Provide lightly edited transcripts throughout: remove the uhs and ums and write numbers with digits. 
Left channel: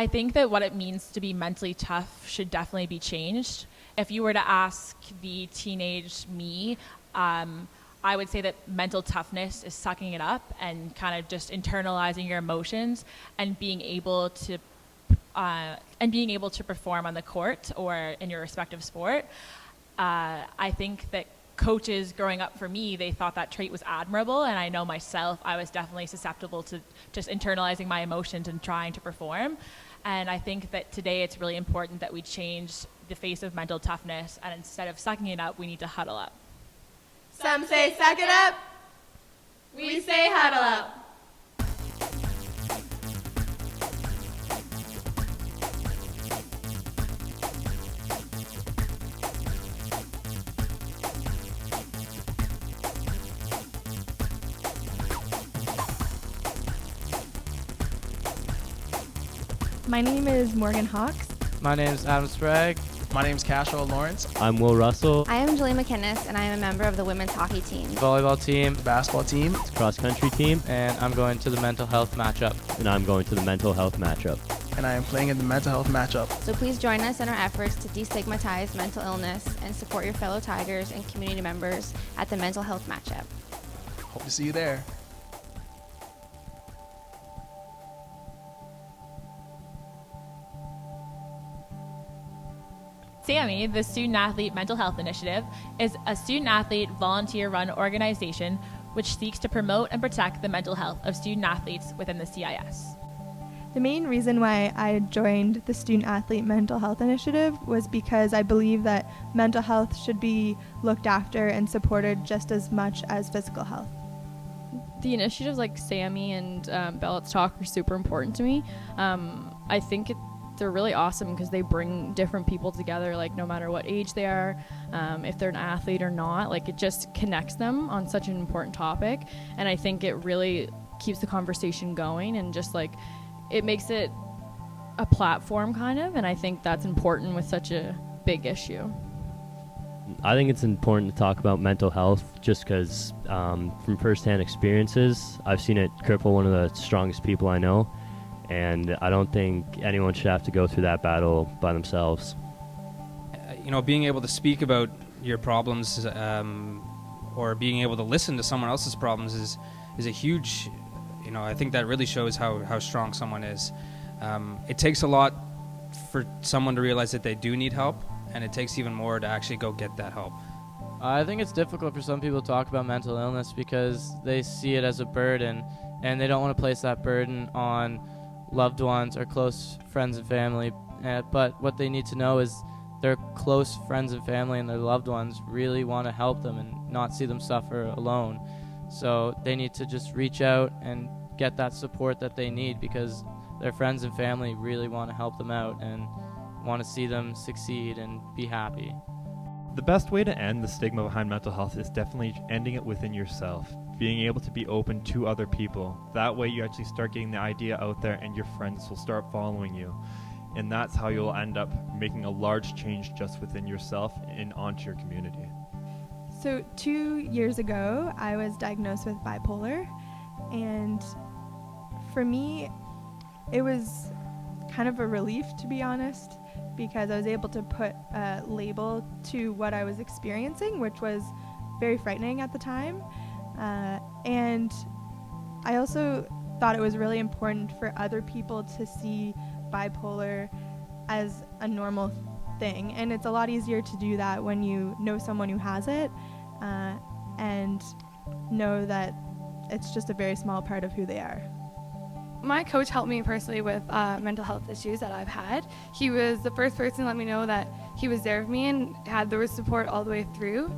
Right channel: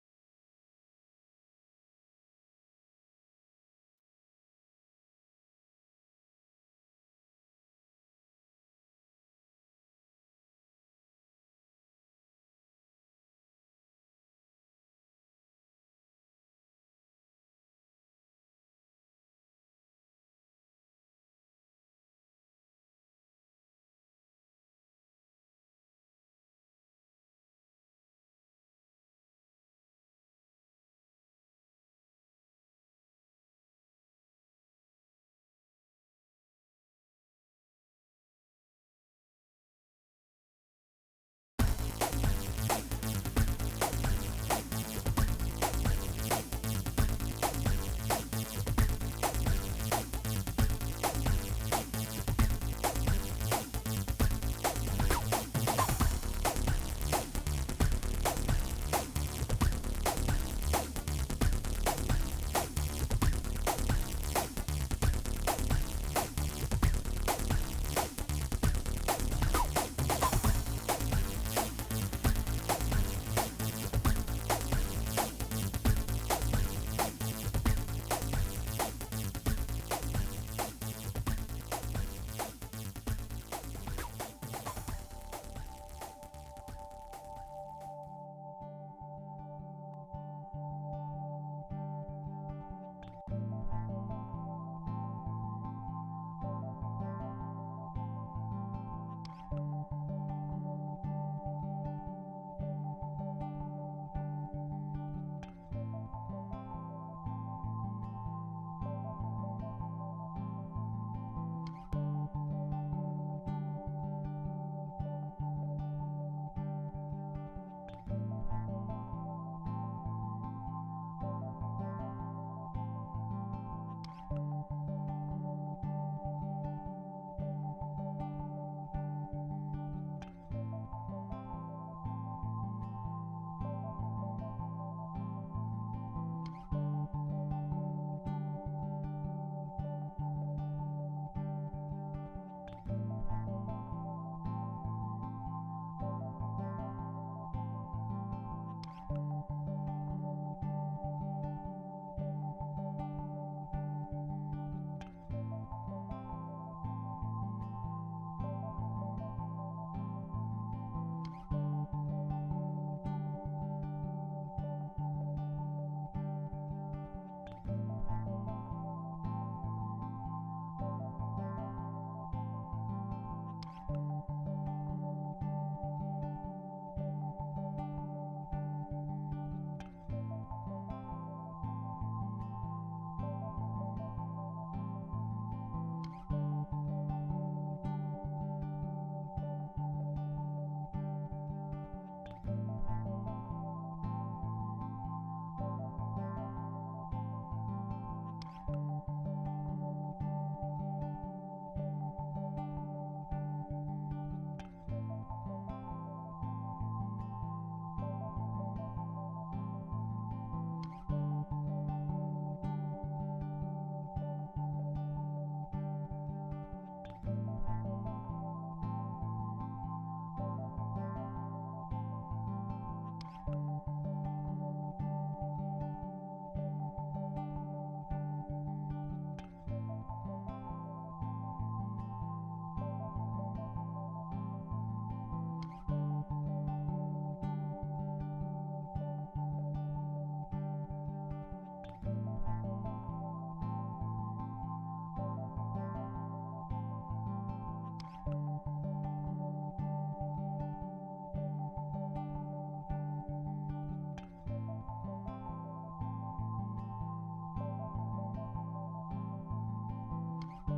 I think that what it means to be mentally tough should definitely be changed. If you were to ask the teenage me, I would say that mental toughness is sucking it up and kind of just internalizing your emotions and being able to perform on the court or in your respective sport. I think that coaches growing up for me, they thought that trait was admirable, and I know myself, I was definitely susceptible to just internalizing my emotions and trying to perform. And I think that today it's really important that we change the face of mental toughness, and instead of sucking it up, we need to huddle up. Some say suck it up. We say huddle up. My name is Morgan Hawks. My name is Adam SPRAGG. My name is KASHRELL Lawrence. I'm Will Russell. I am Julie McInnes, and I am a member of the women's hockey team, Volleyball team, Basketball team, Cross country team. and I'm going to the mental health matchup. And I'm going to the mental health matchup. and I am playing in the mental health matchup. so please join us in our efforts to destigmatize mental illness and support your fellow Tigers and community members at the mental health matchup. Hope to see you there. SAMI, the Student Athlete Mental Health Initiative, is a student-athlete volunteer-run organization which seeks to promote and protect the mental health of student athletes within the CIS. The main reason why I joined the Student Athlete Mental Health Initiative was because I believe that mental health should be looked after and supported just as much as physical health. The initiatives like SAMI and Let's Talk are super important to me. I think they're really awesome because they bring different people together, like no matter what age they are, if they're an athlete or not, like it just connects them on such an important topic. And I think it really keeps the conversation going and just like it makes it a platform kind of, and I think that's important with such a big issue. I think it's important to talk about mental health just because from firsthand experiences, I've seen it cripple one of the strongest people I know, and I don't think anyone should have to go through that battle by themselves. Being able to speak about your problems or being able to listen to someone else's problems is a huge, I think that really shows how strong someone is. It takes a lot for someone to realize that they do need help, and it takes even more to actually go get that help. I think it's difficult for some people to talk about mental illness because they see it as a burden, and they don't want to place that burden on loved ones or close friends and family. But what they need to know is their close friends and family and their loved ones really want to help them and not see them suffer alone. So they need to just reach out and get that support that they need because their friends and family really want to help them out and want to see them succeed and be happy. The best way to end the stigma behind mental health is definitely ending it within yourself, being able to be open to other people. That way you actually start getting the idea out there and your friends will start following you. And that's how you'll end up making a large change just within yourself and onto your community. So 2 years ago, I was diagnosed with bipolar, and for me, it was kind of a relief, to be honest, because I was able to put a label to what I was experiencing, which was very frightening at the time. And I also thought it was really important for other people to see bipolar as a normal thing. And it's a lot easier to do that when you know someone who has it and know that it's just a very small part of who they are. My coach helped me personally with mental health issues that I've had. He was the first person to let me know that he was there for me and there was support all the way through.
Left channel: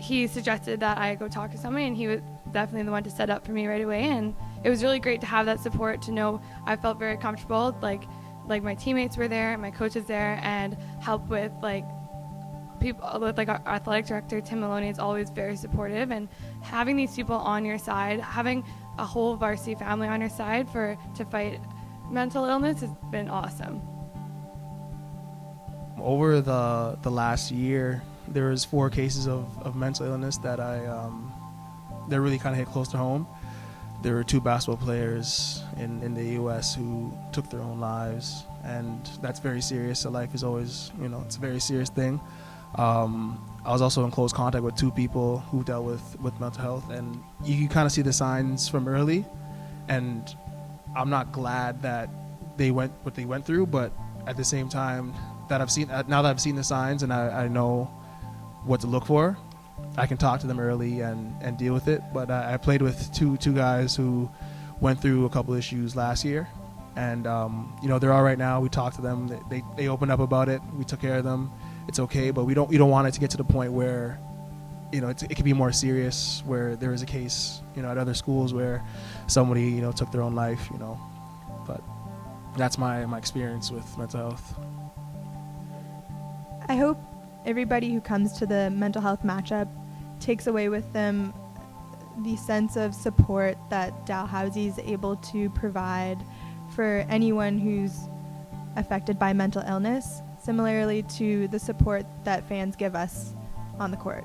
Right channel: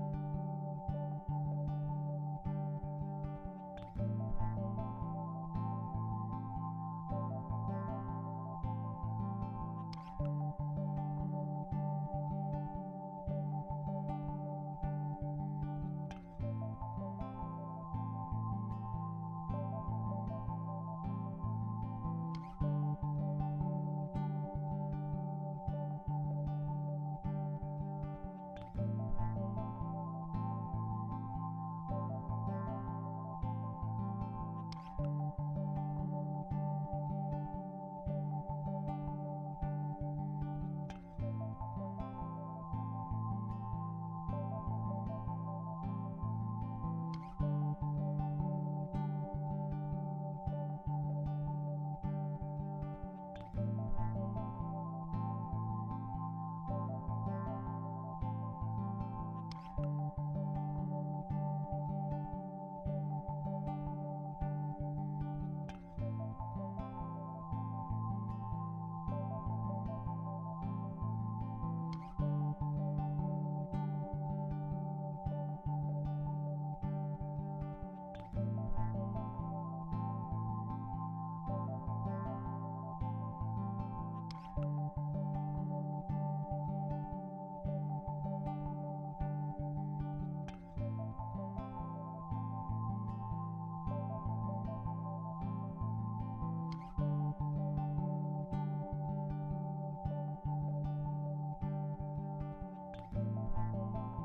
He suggested that I go talk to somebody, and he was definitely the one to set up for me right away. And it was really great to have that support, to know I felt very comfortable, like my teammates were there, my coach was there, and help with people with our athletic director Tim Maloney is always very supportive, and having these people on your side, having a whole varsity family on your side to fight mental illness has been awesome. Over the last year, there was 4 cases of mental illness that that really kind of hit close to home. there were 2 basketball players in the U.S. who took their own lives, and that's very serious. So life is always, it's a very serious thing. I was also in close contact with 2 people who dealt with mental health, and you can kind of see the signs from early. And I'm not glad that they went what they went through, but at the same time, now that I've seen the signs and I know what to look for, I can talk to them early and deal with it. But I played with two guys who went through a couple issues last year, and they're all right now. We talked to them. They opened up about it. We took care of them. It's okay, but we don't want it to get to the point where it could be more serious, where there is a case at other schools where somebody took their own life. But that's my experience with mental health. I hope everybody who comes to the mental health matchup takes away with them the sense of support that Dalhousie is able to provide for anyone who's affected by mental illness, similarly to the support that fans give us on the court.